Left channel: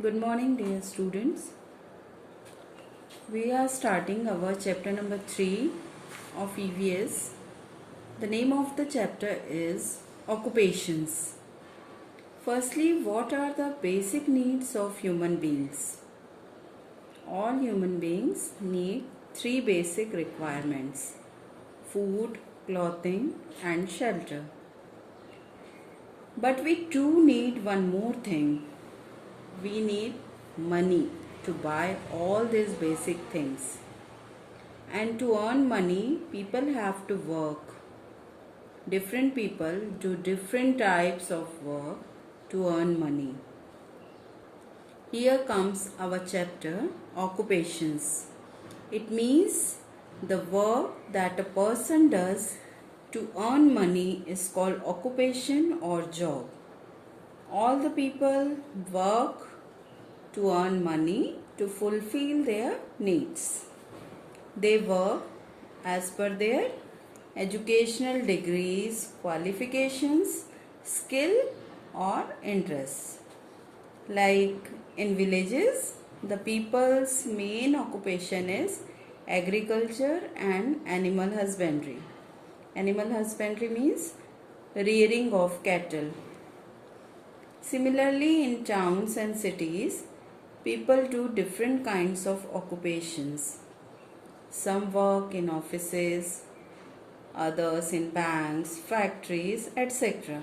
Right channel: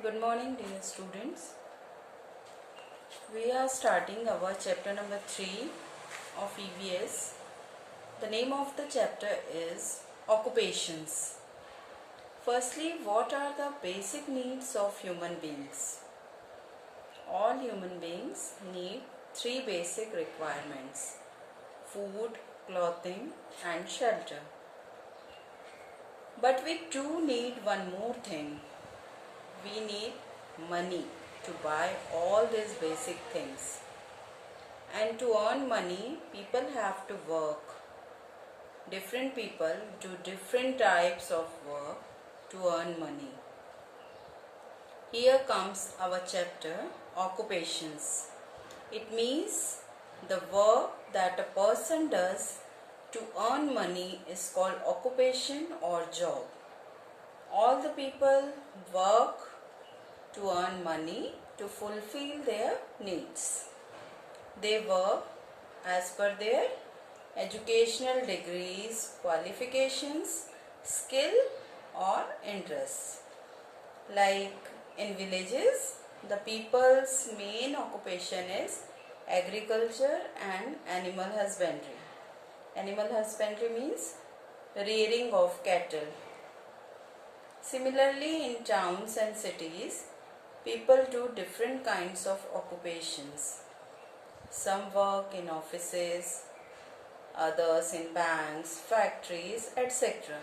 Good morning, dear students. We are starting our chapter number 3 of EVS. The name of the chapter is Occupations. Firstly, what are the basic needs of human beings? All human beings need three basic requirements: food, clothing, and shelter. But we too need one more thing. We need money to buy all these basic things. And to earn money, people have to work. Different people do different types of work to earn money. Here comes our chapter, Occupations. It means the work that a person does to earn money is called occupation or job. All the people work to earn money to fulfill their needs. They work as per their educational degrees, qualifications, skill or interests. Like in villages, the people's main occupation is agriculture and animal husbandry. Animal husbandry means rearing of cattle. Similarly, in towns and cities, people do different kinds of occupations. Some work in offices, others in banks, factories, etc.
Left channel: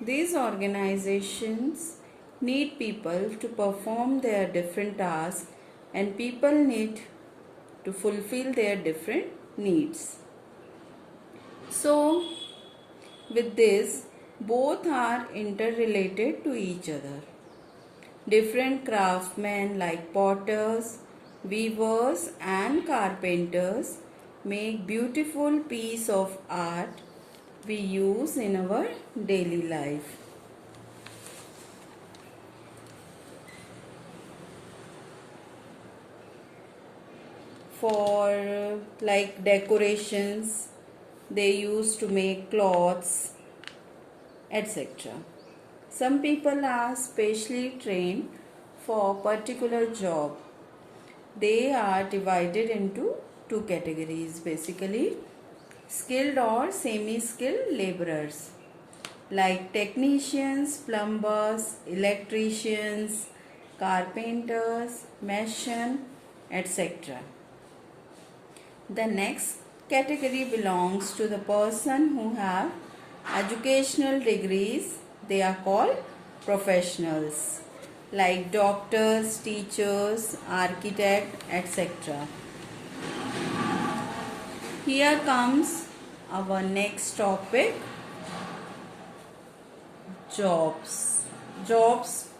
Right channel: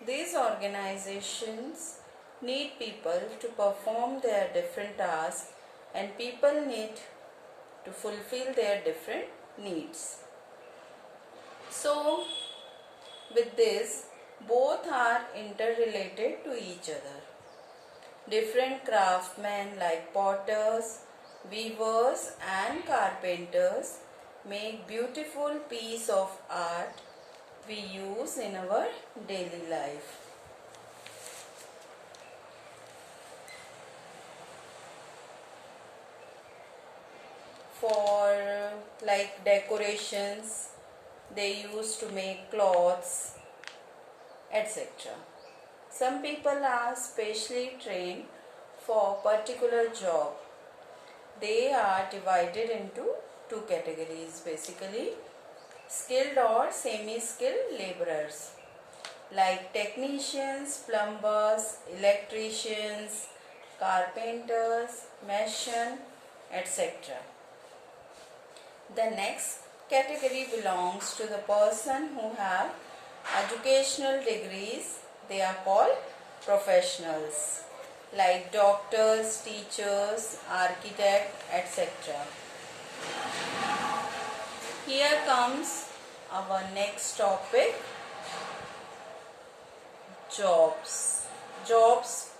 These organizations need people to perform their different tasks, and people need to fulfill their different needs. So, with this, both are interrelated to each other. Different craftsmen like potters, weavers and carpenters make beautiful piece of art we use in our daily life. For like decorations, they used to make cloths, etc. Some people are specially trained for particular job. They are divided into two categories basically: skilled or semi-skilled laborers like technicians, plumbers, electricians, carpenters, mason, etc. The next category belongs to the person who have educational degrees. They are called professionals like doctors, teachers, architects, etc. Here comes our next topic, jobs. Jobs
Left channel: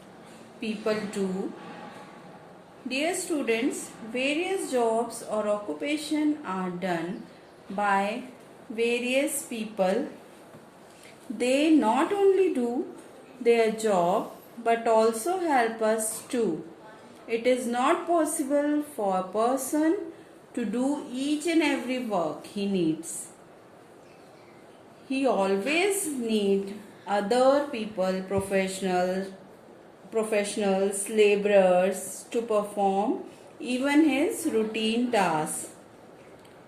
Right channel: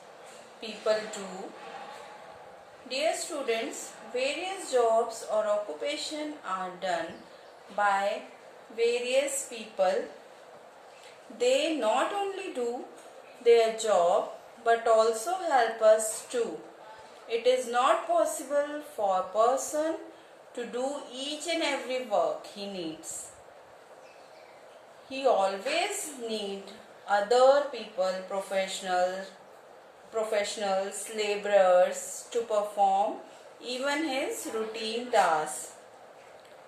people do. Dear students, various jobs or occupation are done by various people. They not only do their job but also help us too. It is not possible for a person to do each and every work he needs. He always need other people, professionals, laborers to perform even his routine tasks.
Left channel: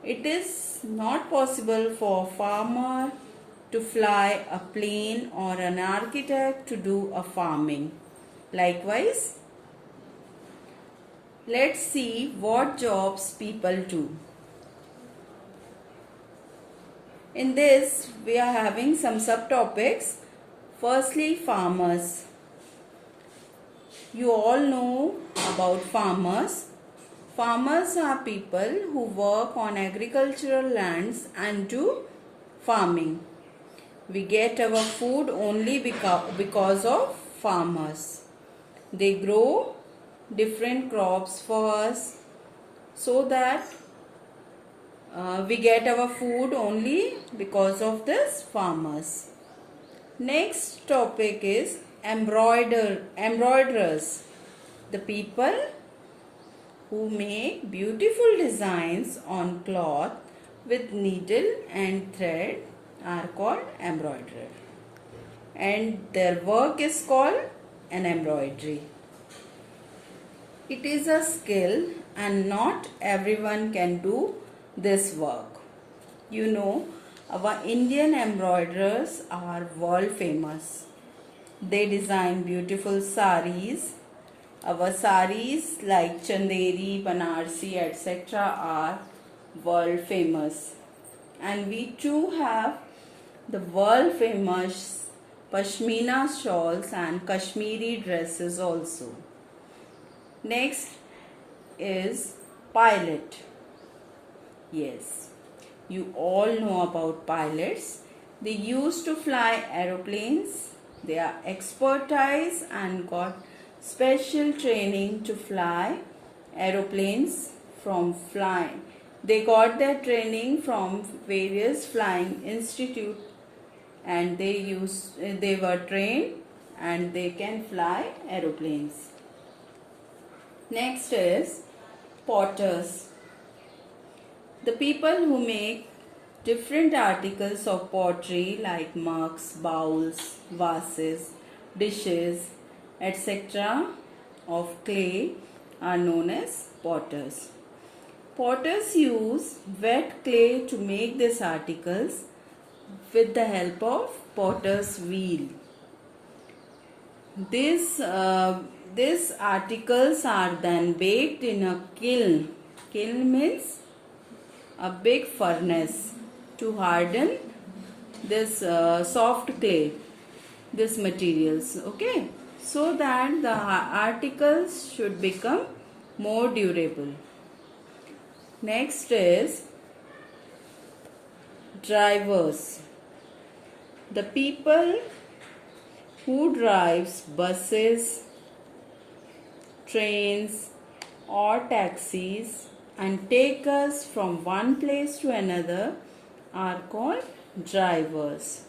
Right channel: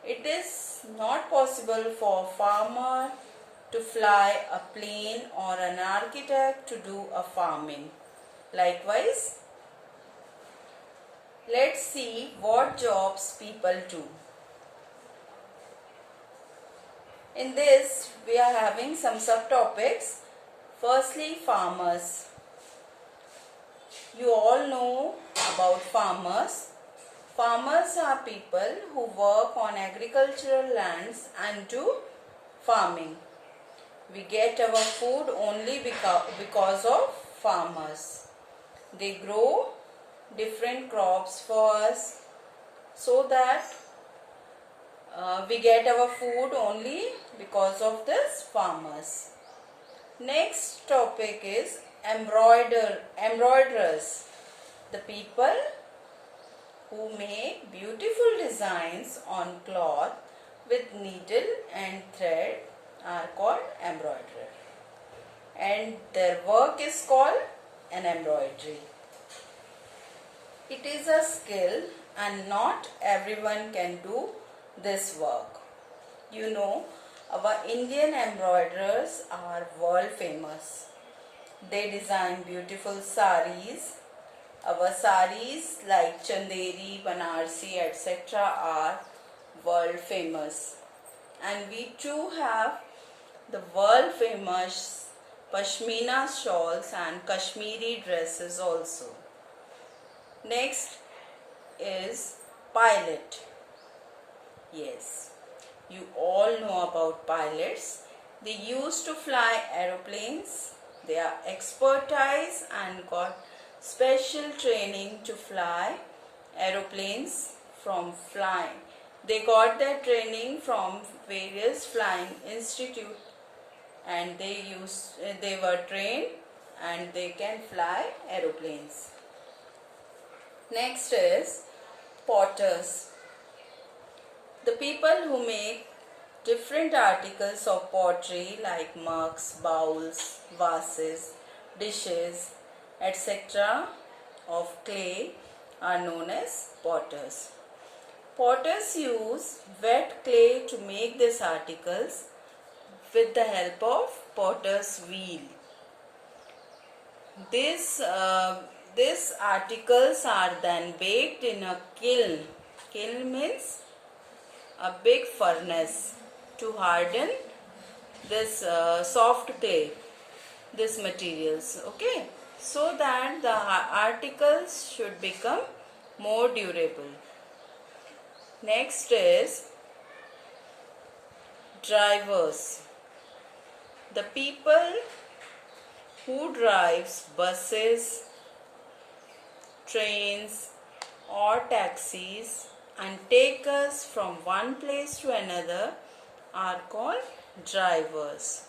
It is not possible for a farmer to fly a plane or an architect to do a farming. Likewise, let's see what jobs people do. In this, we are having some subtopics. Firstly, farmers. You all know about farmers. Farmers are people who work on agricultural lands and do farming. We get our food only because of farmers. They grow different crops for us so that we get our food only because of this farmers. Next topic is embroiderers. The people who make beautiful designs on cloth with needle and thread are called embroiderer, and their work is called an embroidery. It is a skill and not everyone can do this work. You know, our Indian embroiderers are world famous. They design beautiful saris. Our saris like Chanderi, Banarsi, etc. are world famous. And we too have the world famous Pashmina shawls and Kashmiri dresses also. Next is pilot. Yes, you all know about pilots. They used to fly aeroplanes. They are expertise and got special training to fly aeroplanes from flying. They got their training from various flying institutes and they were trained and they can fly aeroplanes. Next is potters. The people who make different articles of pottery like mugs, bowls, vases, dishes, etc. of clay are known as potters. Potters use wet clay to make these articles with the help of potter's wheel. These articles are then baked in a kiln. Kiln means a big furnace to harden this soft clay, these materials, okay, so that the articles should become more durable. Next is drivers. The people who drives buses, trains or taxis and take us from one place to another are called drivers.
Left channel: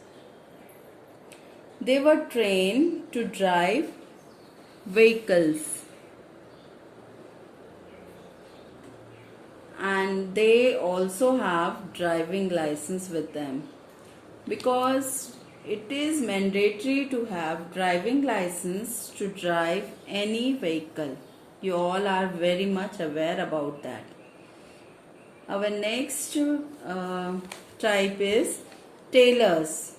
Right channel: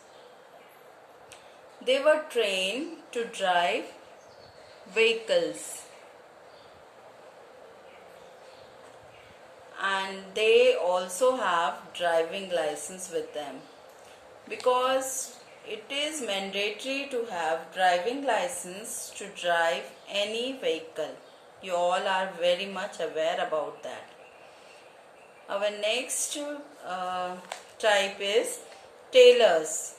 They were trained to drive vehicles and they also have driving license with them, because it is mandatory to have driving license to drive any vehicle. You all are very much aware about that. Our next type is tailors.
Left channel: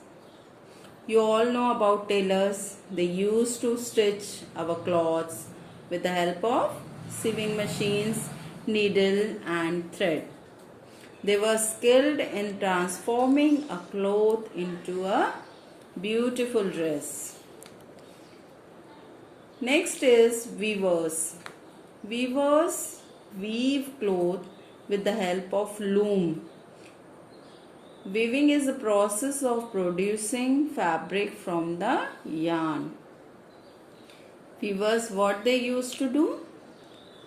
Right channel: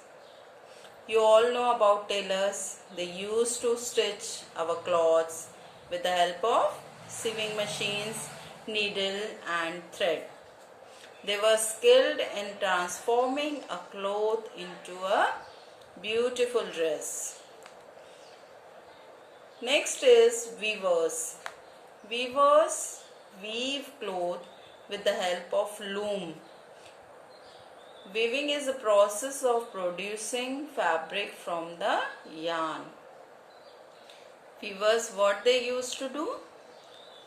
You all know about tailors. They used to stitch our clothes with the help of sewing machines, needle and thread. They were skilled in transforming a cloth into a beautiful dress. Next is weavers. Weavers weave cloth with the help of loom. Weaving is the process of producing fabric from the yarn. Weavers, what they used to do?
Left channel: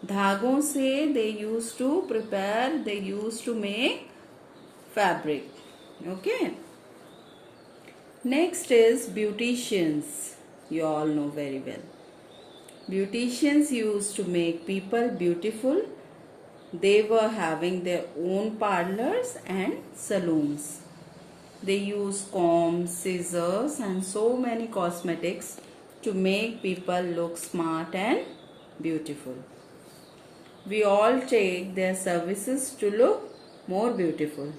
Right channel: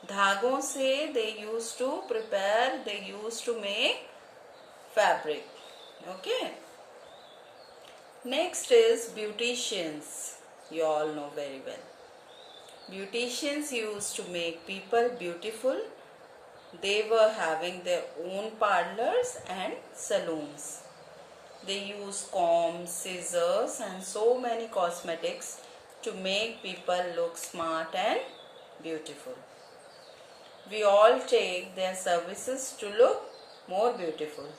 धागों से they used to make fabric. Okay. Next is beauticians. You all know very well. Beauticians used to make people beautiful. They were having their own parlors and saloons. They used combs, scissors and so many cosmetics to make people look smart and beautiful. We all take their services to look more beautiful.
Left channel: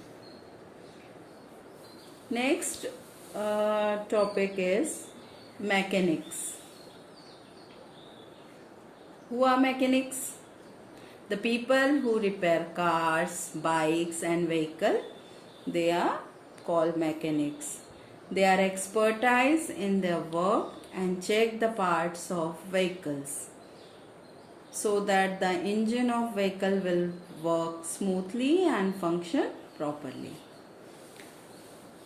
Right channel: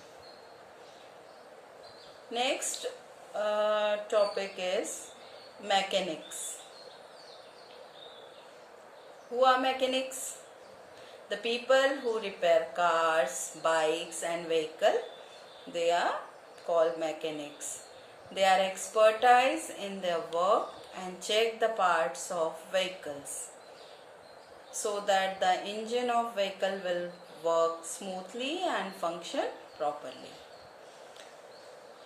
Next topic is mechanics. Who are mechanics? The people who repair cars, bikes and vehicles, they are called mechanics. They are expertise in their work and check the parts of vehicles so that the engine of vehicle will work smoothly and function properly.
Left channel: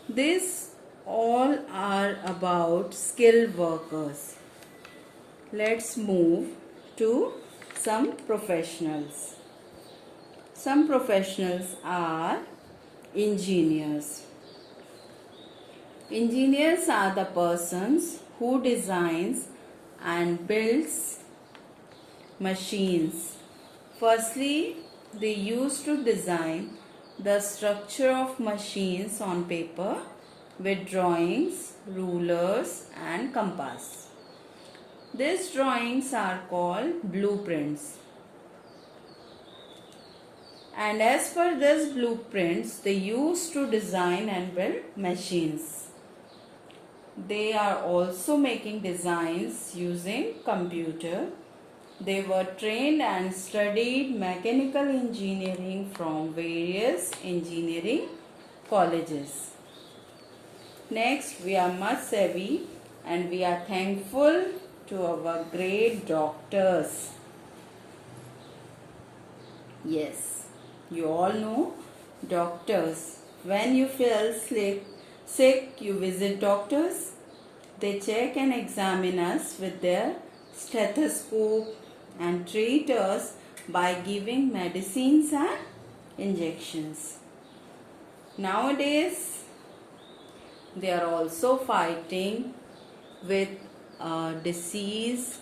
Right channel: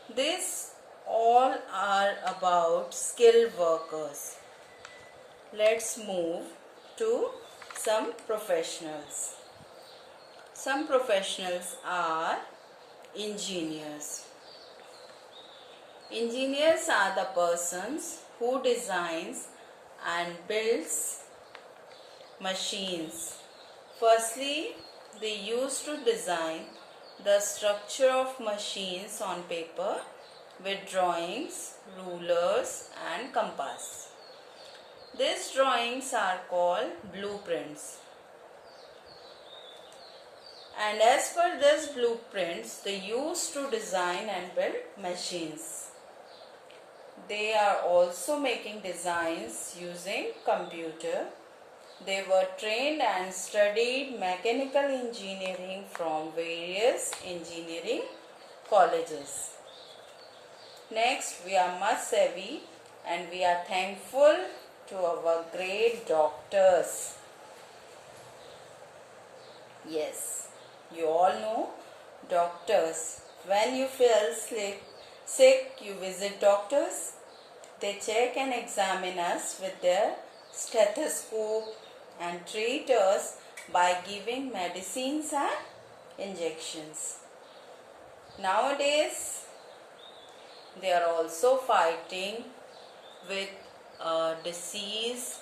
These all are about skilled workers. Let's move to some professionals. Some professionals are engineers. Engineers are the persons who designs and builds machines. Firstly, they used to design the structure of machines on paper with drawings, rulers and compass. These drawings are called blueprints. And as per these blueprints, they used to design and build machines. They are also making designs using computer. They were trained and studied mechanical engineering from various engineering colleges. Next, we are much savvy and we are thankful to our great doctors. Yes, you all know doctors. When you feel sick, you visit doctors. They check and examine us with their stethoscope and treat us by giving medicines and injections. Nowadays, they are also fighting with a disease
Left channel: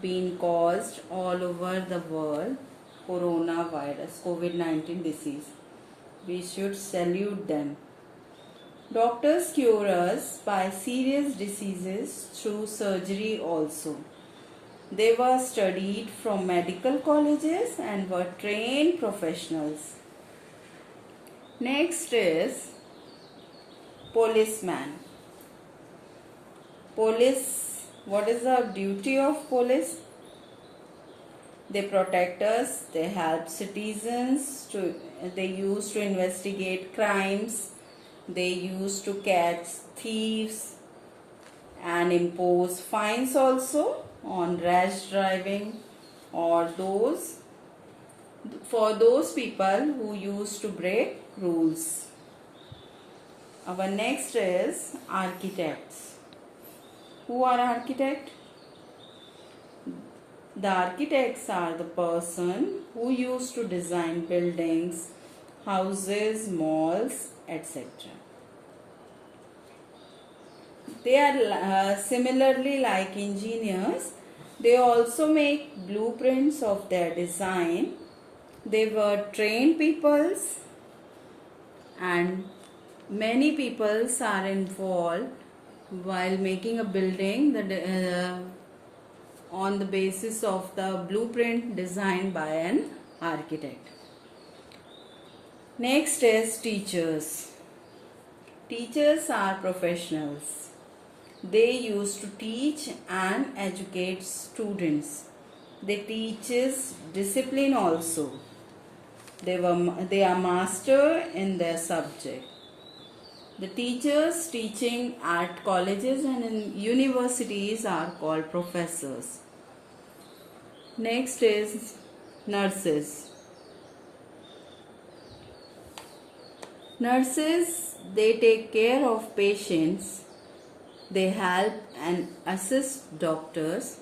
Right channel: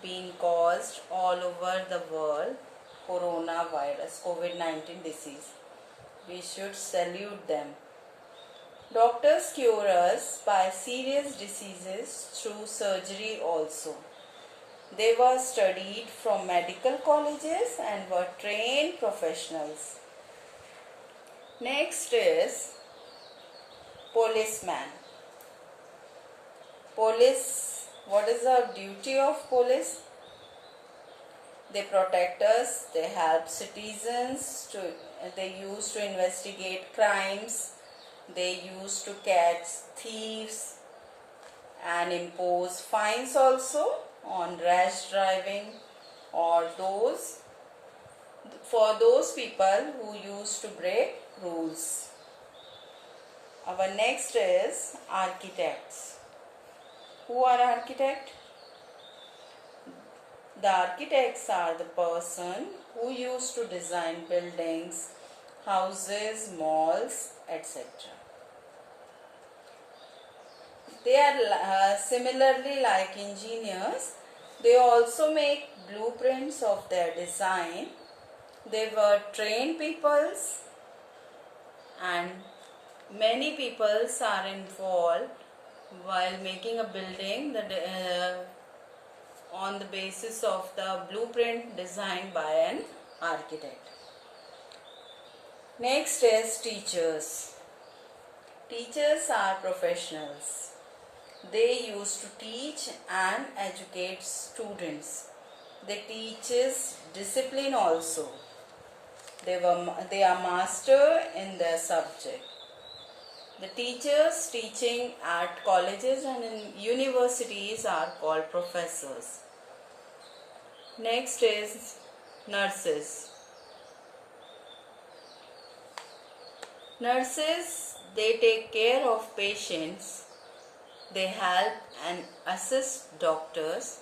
being caused all over the world, coronavirus, COVID-19 disease. We should salute them. Doctors cure us by serious diseases through surgery also. They were studied from medical colleges and were trained professionals. Next is policeman. Police, what is the duty of police? They protect us, they help citizens, they used to investigate crimes, they used to catch thieves and impose fines also on rash driving or for those people who used to break rules. Our next is architects. Who are architects? The architects are the person who used to design buildings, houses, malls, etc. They are similarly like engineers. They also make blueprints of their design. They were trained peoples and many peoples are involved while making a building on the basis of the blueprint designed by an architect. Next is teachers. Teachers are professionals. They used to teach and educate students. They teach discipline also. They are master in their subject. The teachers teaching at colleges and in universities are called professors. Next is nurses. Nurses, they take care of patients. They help and assist doctors.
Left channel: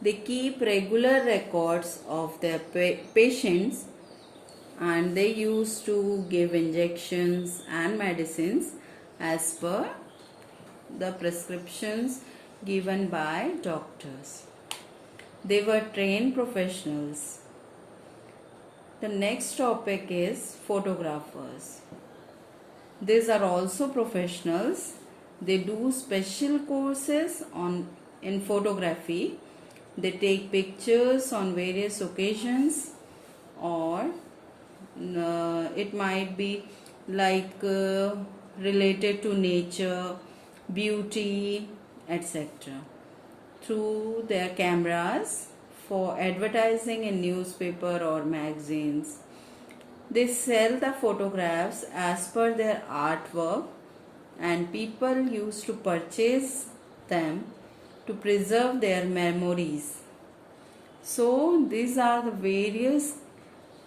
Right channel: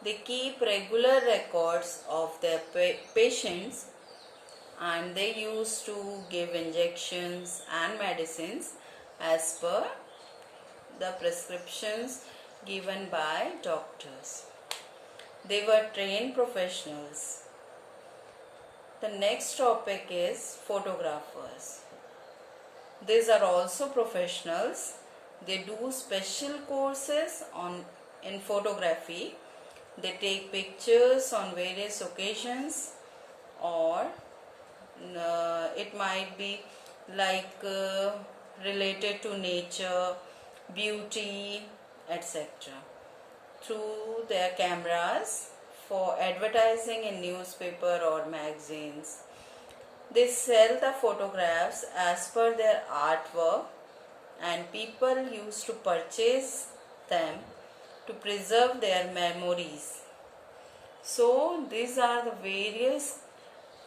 They keep regular records of their patients and they used to give injections and medicines as per the prescriptions given by doctors. They were trained professionals. The next topic is photographers. These are also professionals. They do special courses in photography. They take pictures on various occasions or it might be like related to nature, beauty, etc. through their cameras for advertising in newspaper or magazines. They sell the photographs as per their artwork and people used to purchase them to preserve their memories. So these are the various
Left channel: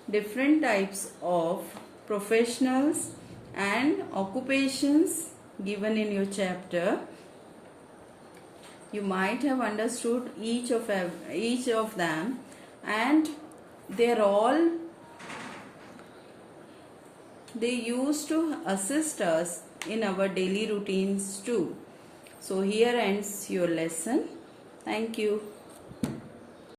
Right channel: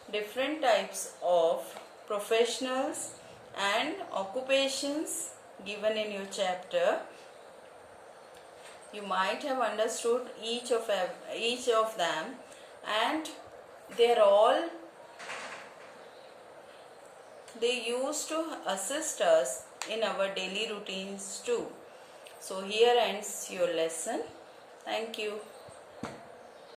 different types of professionals and occupations given in your chapter. You might have understood each of them, and they used to assist us in our daily routines too. So here ends your lesson. Thank you.